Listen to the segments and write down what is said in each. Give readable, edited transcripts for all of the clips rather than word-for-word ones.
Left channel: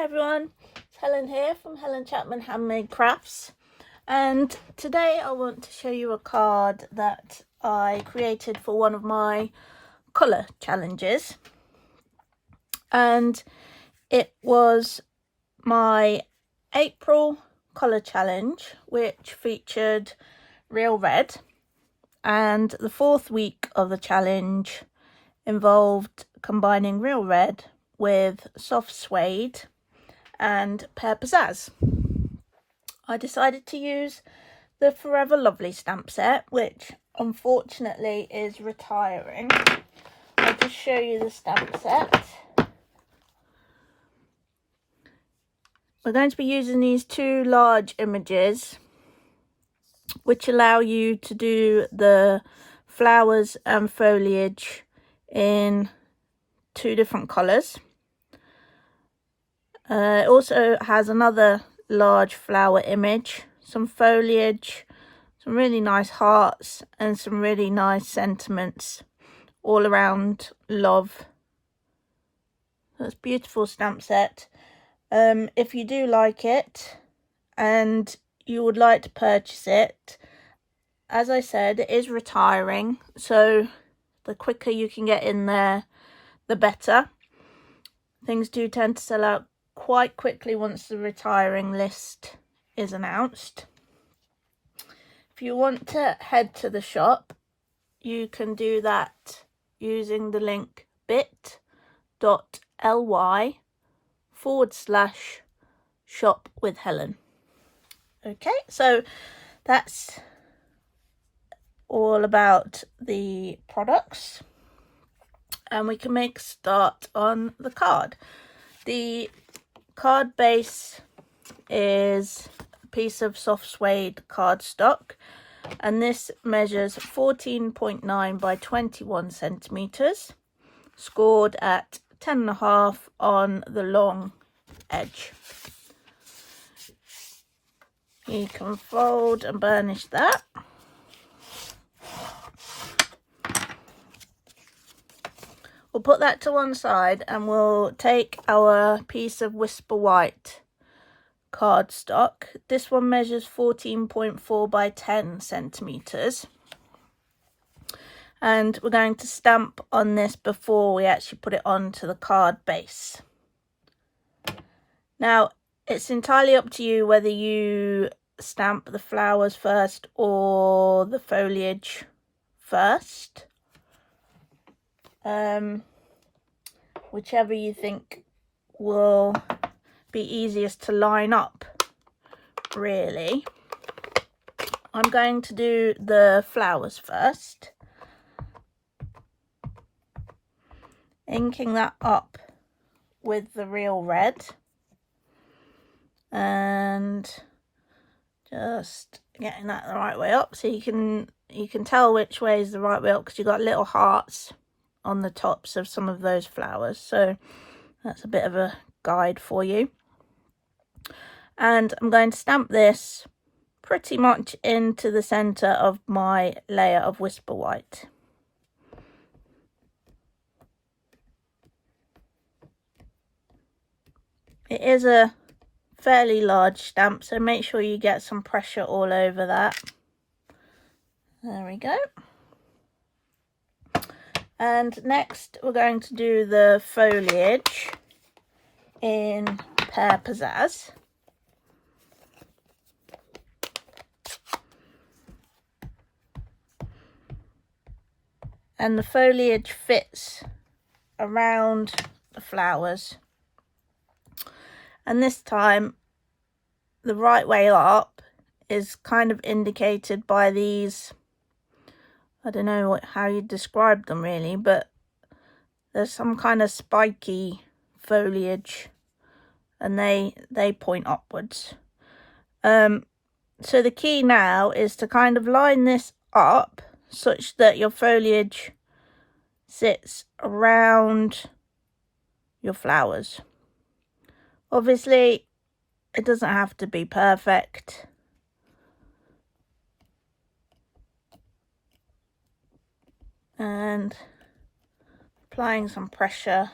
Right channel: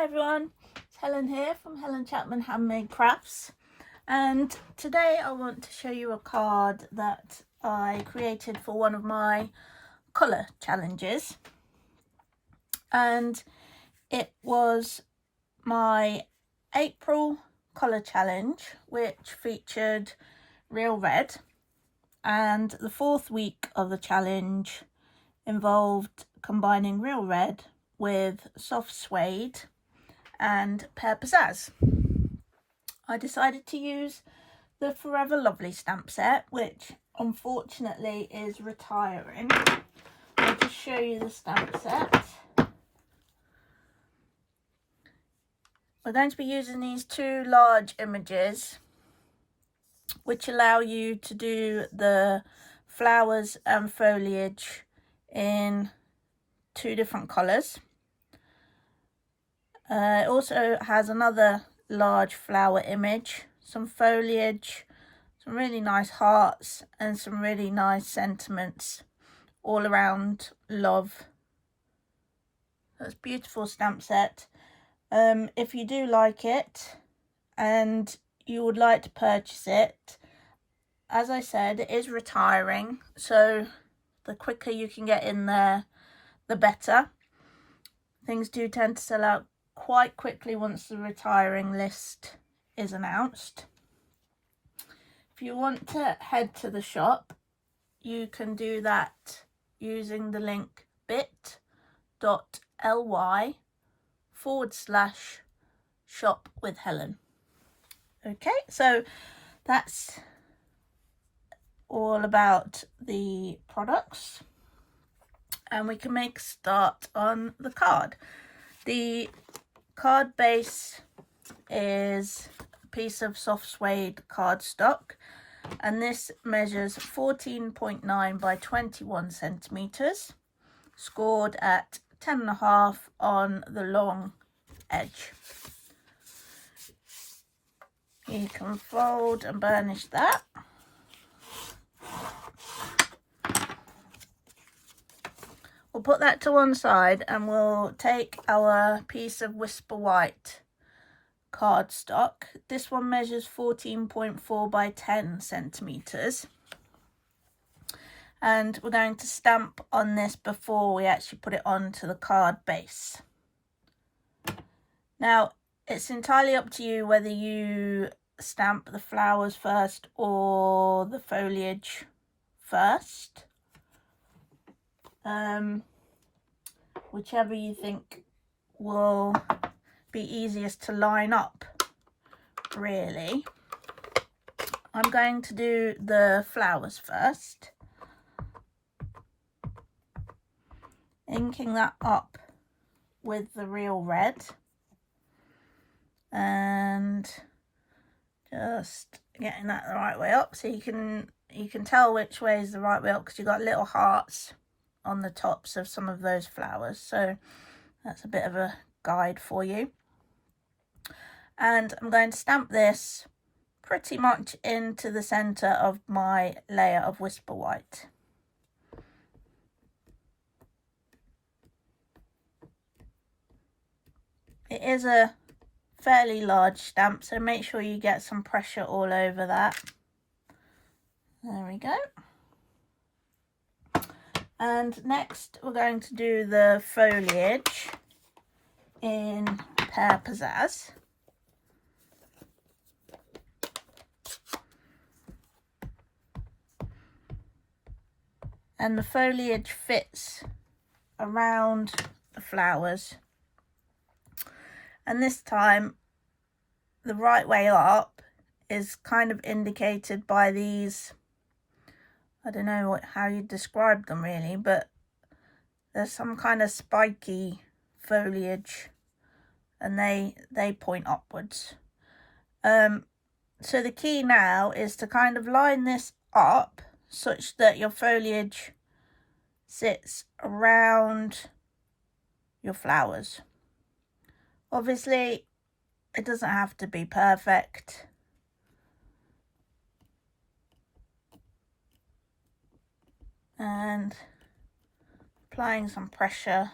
Hi everyone, it's Helen here from Helen Chapman Handmade Crafts, and today I want to show you a card that I created for one of my colour challenges, and it was my April colour challenge, which featured real red, and the fourth week of the challenge involved combining real red with soft suede and pear pizzazz. I decided to use the Forever Lovely stamp set, which unfortunately is retiring. I'll just show you the stamp set. We're going to be using these two large images, which allow you to do the flowers and foliage in two different colours. It also has another large flower image, some foliage, some really nice hearts, and some really nice sentiments all around love. That's a beautiful stamp set. If you do like it and you would like to purchase it, as I said, it is retiring, so the quicker you can get in there, the better. Things do tend to sell out quite quickly once the retiring list is announced. If you want to head to the shop, you can do that using the link bit.ly/shop-with-Helen. Okay, so that's all about the products, and we can make a start on the card. The card base is a piece of soft suede cardstock, and this measures 14.9 by 21 centimeters, scored at 10.5 on the long edge. You can fold and burnish that. We'll put that to one side, and we'll take our piece of Whisper White cardstock. This one measures 14.4 by 10 centimeters, and we're going to stamp on this before we actually put it onto the card base. Now, it's entirely up to you whether you stamp the flowers first or the foliage first. Whichever you think will be easiest to line up, really. I'm going to do the flowers first, inking that up with the real red and just getting that the right way up, so you can tell which way is the right way up, because you've got little hearts on the tops of some of those flowers, so that's a bit of a guide for you. And I'm going to stamp this pretty much into the center of my layer of Whisper White. It is a fairly large stamp, so make sure you get some pressure all over that. There we go. And next we're going to do the foliage in Pear Pizzazz. And the foliage fits around the flowers. And this time the right way up is kind of indicated by these, I don't know how you describe them really, but there's some kind of spiky foliage, and they point upwards. So the key now is to kind of line this up such that your foliage sits around your flowers. Obviously, it doesn't have to be perfect. And applying some pressure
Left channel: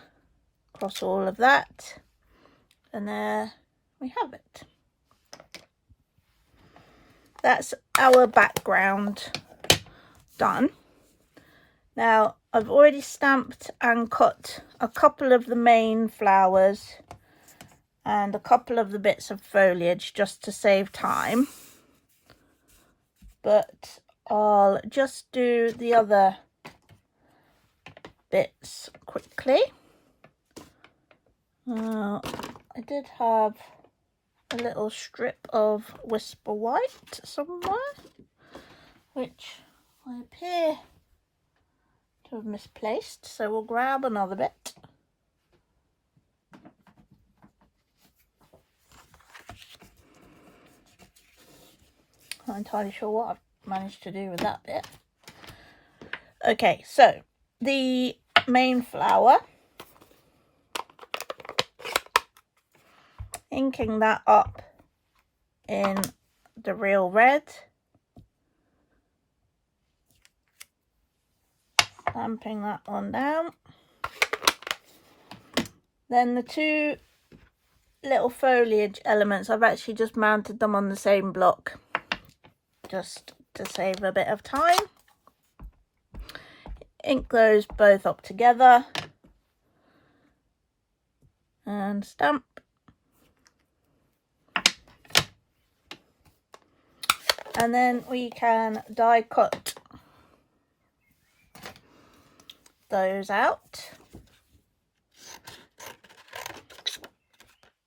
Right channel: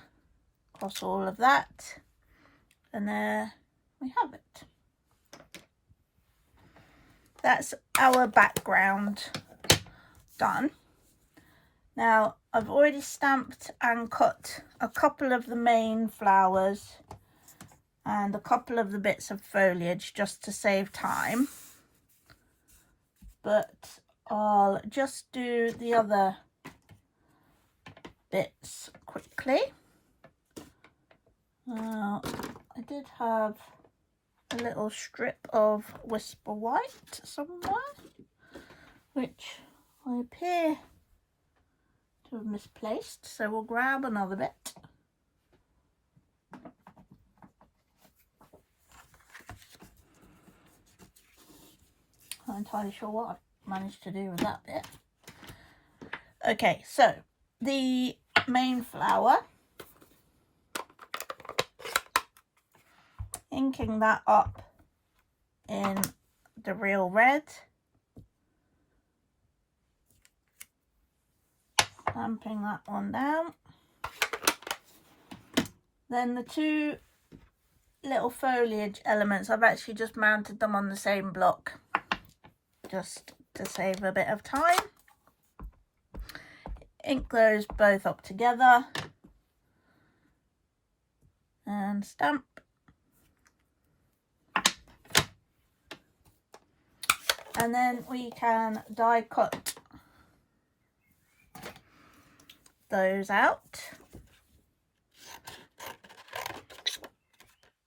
across all of that, And there we have it. That's our background done. Now I've already stamped and cut a couple of the main flowers and a couple of the bits of foliage just to save time, but I'll just do the other bits quickly. I did have a little strip of Whisper White somewhere, which I appear to have misplaced, so we'll grab another bit. I'm not entirely sure what I've managed to do with that bit. Okay, so the main flower, inking that up in the real red, stamping that one down. Then the two little foliage elements, I've actually just mounted them on the same block just to save a bit of time. Ink those both up together and stamp. And then we can die cut those out.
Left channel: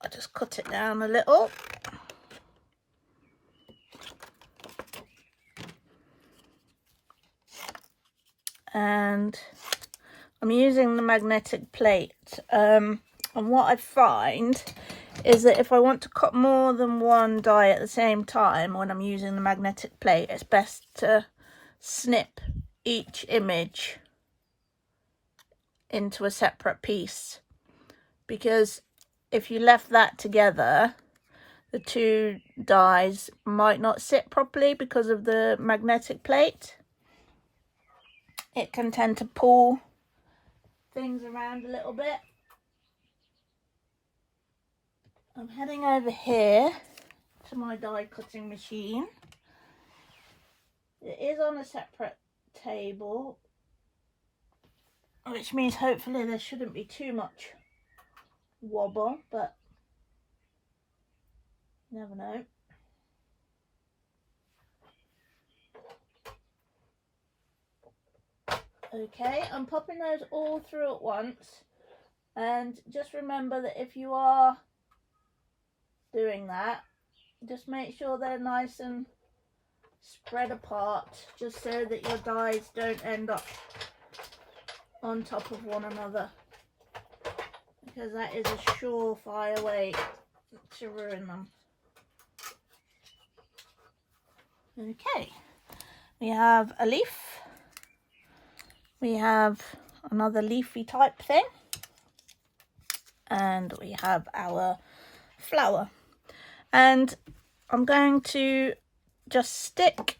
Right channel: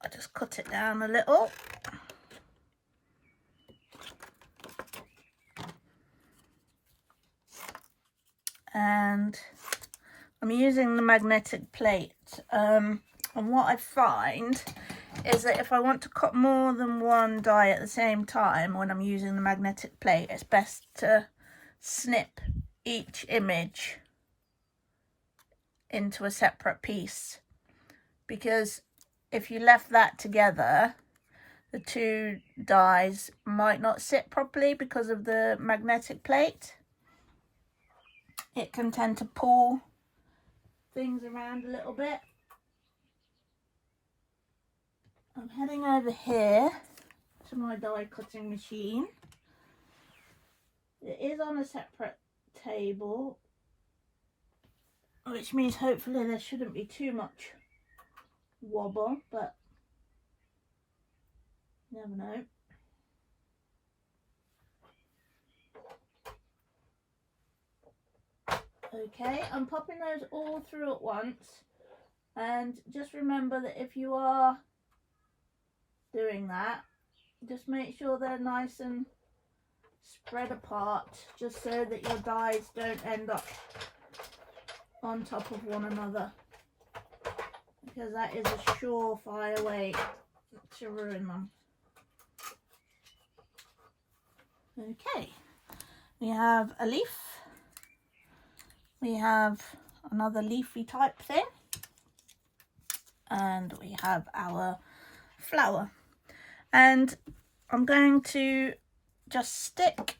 I just cut it down a little. And I'm using the magnetic plate. And what I find is that if I want to cut more than one die at the same time when I'm using the magnetic plate, it's best to snip each image into a separate piece, because if you left that together, the two dies might not sit properly because of the magnetic plate. It can tend to pull things around a little bit. I'm heading over here to my die cutting machine. It is on a separate table, which means hopefully there shouldn't be too much wobble, but you never know. Okay, I'm popping those all through at once, and just remember that if you are doing that, just make sure they're nice and spread apart, just so that your dies don't end up on top of one another, because that is a surefire way to ruin them. Okay, we have a leaf, we have another leafy type thing, and we have our flower. And I'm going to just stick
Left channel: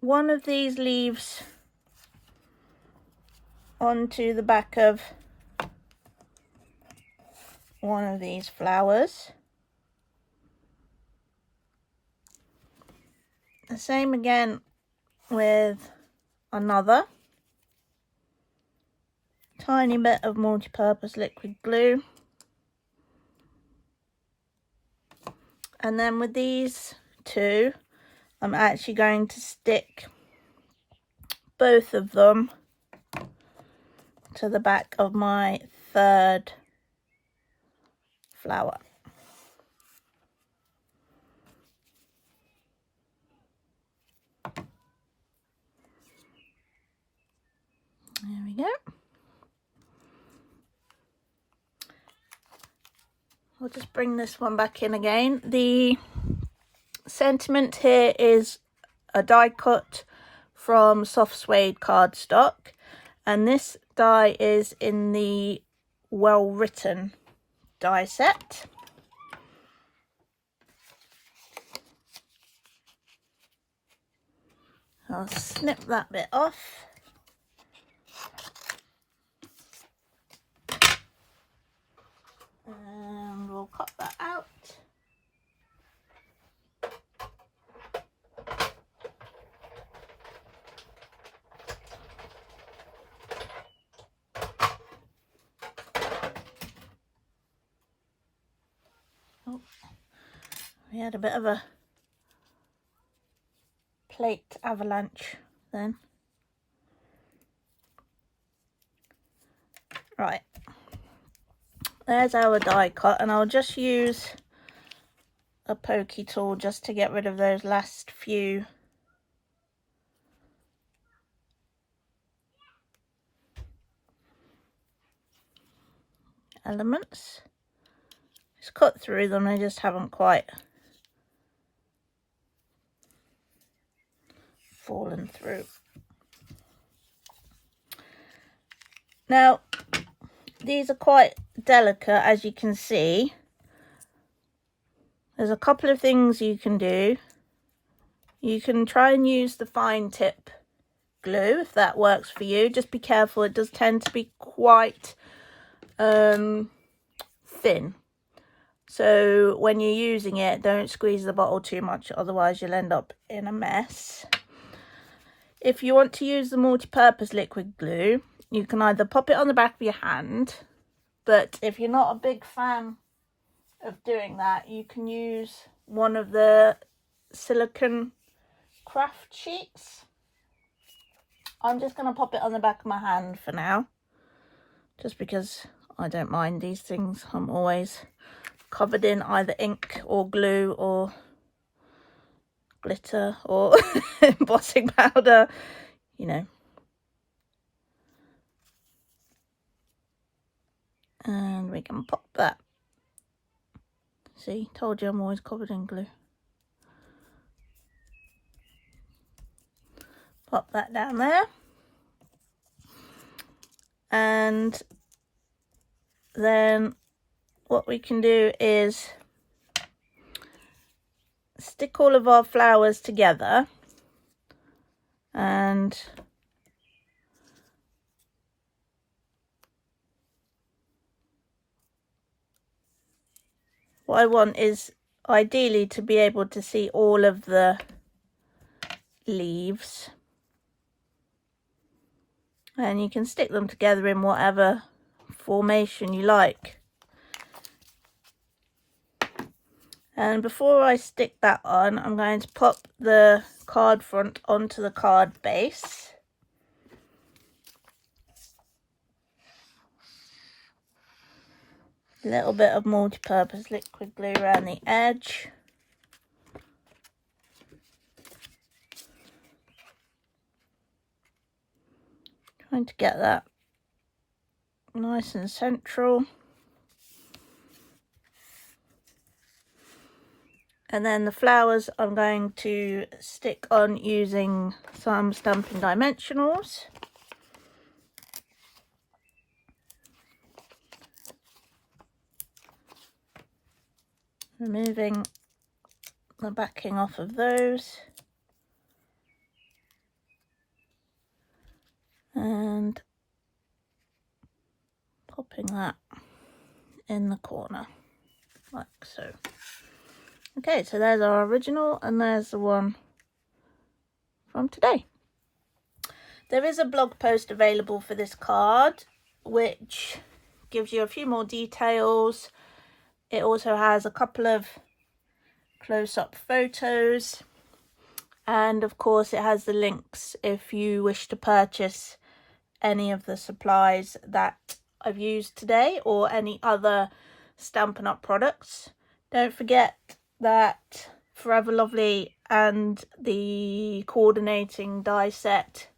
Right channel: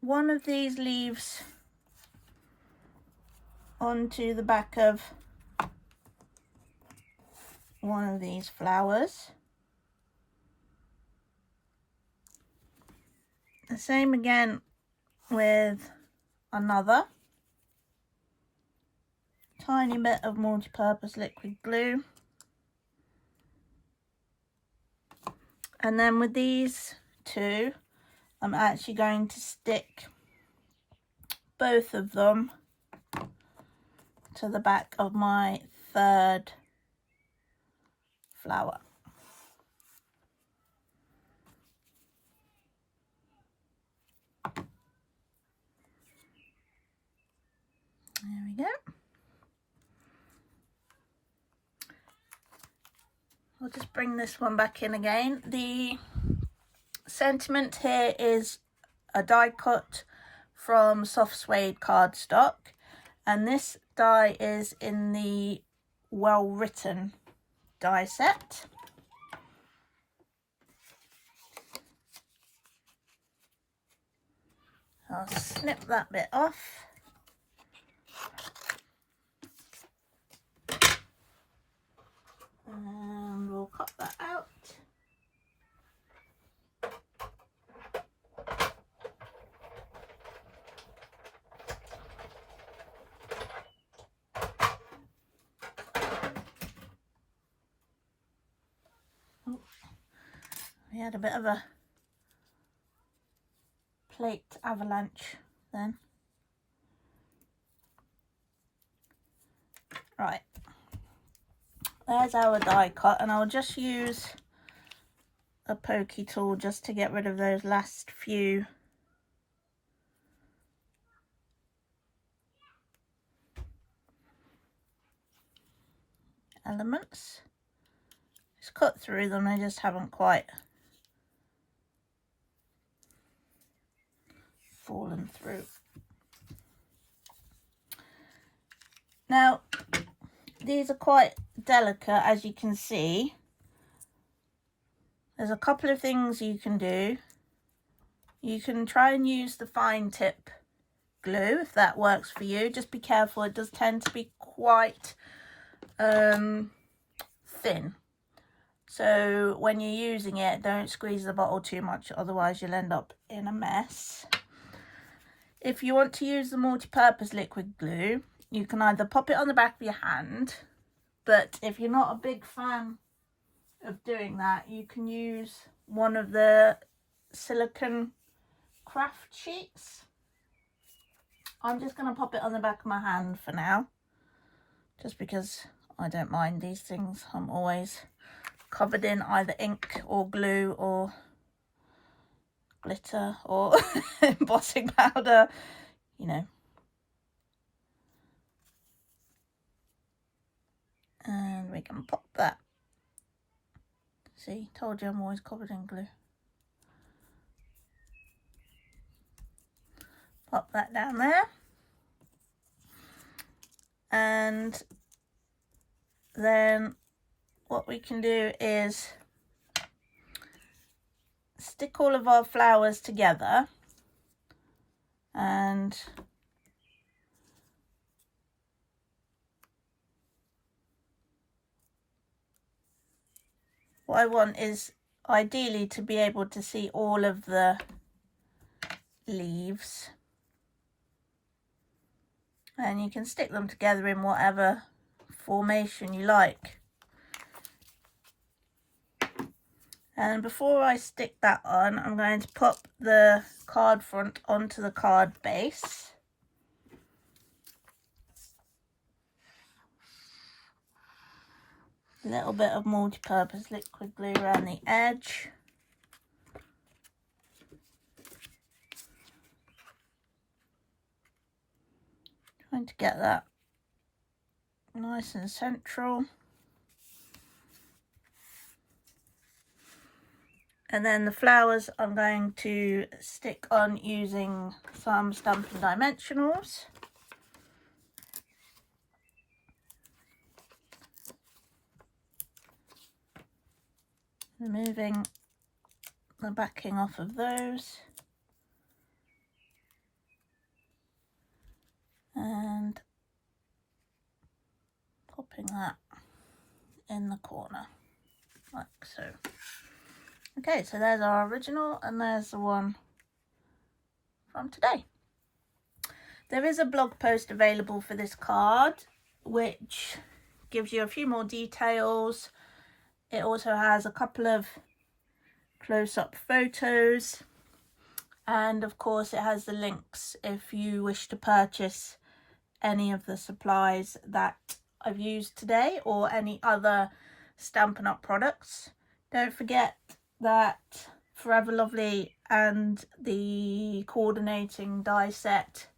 one of these leaves onto the back of one of these flowers. The same again with another. Tiny bit of multi-purpose liquid glue. And then with these two, I'm actually going to stick both of them to the back of my third flower. There we go. I'll just bring this one back in again. The sentiment here is a die cut from soft suede cardstock, and this die is in the well written die set. I'll snip that bit off. We had a bit of a plate avalanche then. Right, there's our die cut, and I'll just use a pokey tool just to get rid of those last few elements. It's cut through them, they just haven't quite fallen through. Now these are quite delicate, as you can see. There's a couple of things you can do. You can try and use the fine tip glue if that works for you. Just be careful, it does tend to be quite thin. So when you're using it, don't squeeze the bottle too much, otherwise you'll end up in a mess. If you want to use the multi-purpose liquid glue, you can either pop it on the back of your hand, but if you're not a big fan of doing that, you can use one of the silicone craft sheets. I'm just going to pop it on the back of my hand for now, just because I don't mind these things. I'm always covered in either ink or glue or glitter or embossing powder, you know. And we can pop that. See, told you I'm always covered in glue. Pop that down there. And then what we can do is stick all of our flowers together, and what I want is ideally to be able to see all of the leaves, and you can stick them together in whatever formation you like. And before I stick that on, I'm going to pop the card front onto the card base. A little bit of multi-purpose liquid glue around the edge. Trying to get that nice and central. And then the flowers I'm going to stick on using some Stampin' Dimensionals. Removing the backing off of those. And popping that in the corner, like so. Okay, so there's our original, and there's the one from today. There is a blog post available for this card, which gives you a few more details. It also has a couple of close-up photos, and of course it has the links if you wish to purchase any of the supplies that I've used today or any other Stampin' Up products. Don't forget that Forever Lovely and the coordinating die set,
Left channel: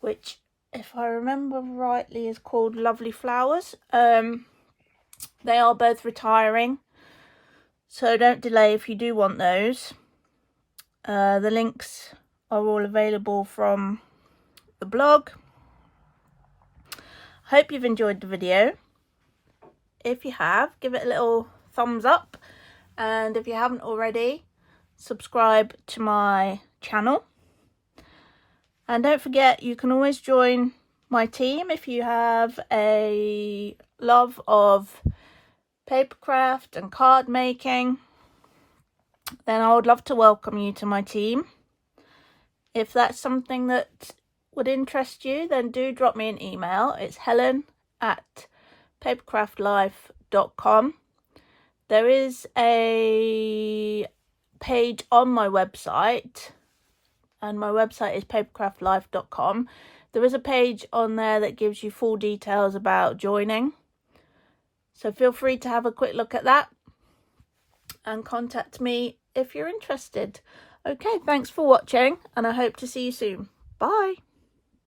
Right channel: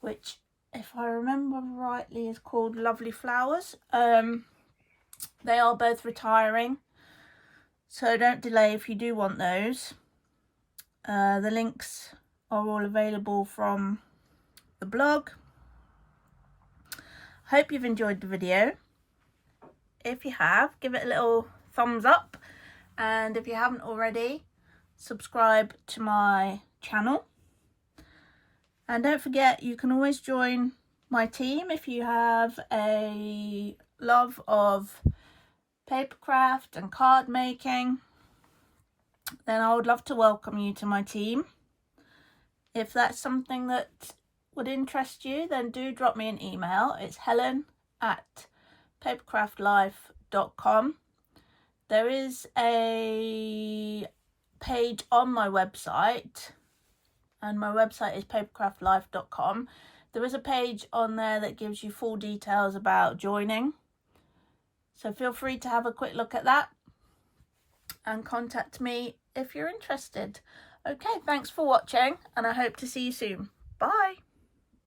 which if I remember rightly is called Lovely Flowers, they are both retiring, so don't delay if you do want those. The links are all available from the blog. I hope you've enjoyed the video. If you have, give it a little thumbs up. And if you haven't already, subscribe to my channel. And don't forget, you can always join my team if you have a love of papercraft and card making. Then I would love to welcome you to my team. If that's something that would interest you, then do drop me an email. It's helen@papercraftlife.com. There is a page on my website, and my website is papercraftlife.com. There is a page on there that gives you full details about joining. So feel free to have a quick look at that and contact me if you're interested. Okay, thanks for watching, and I hope to see you soon. Bye.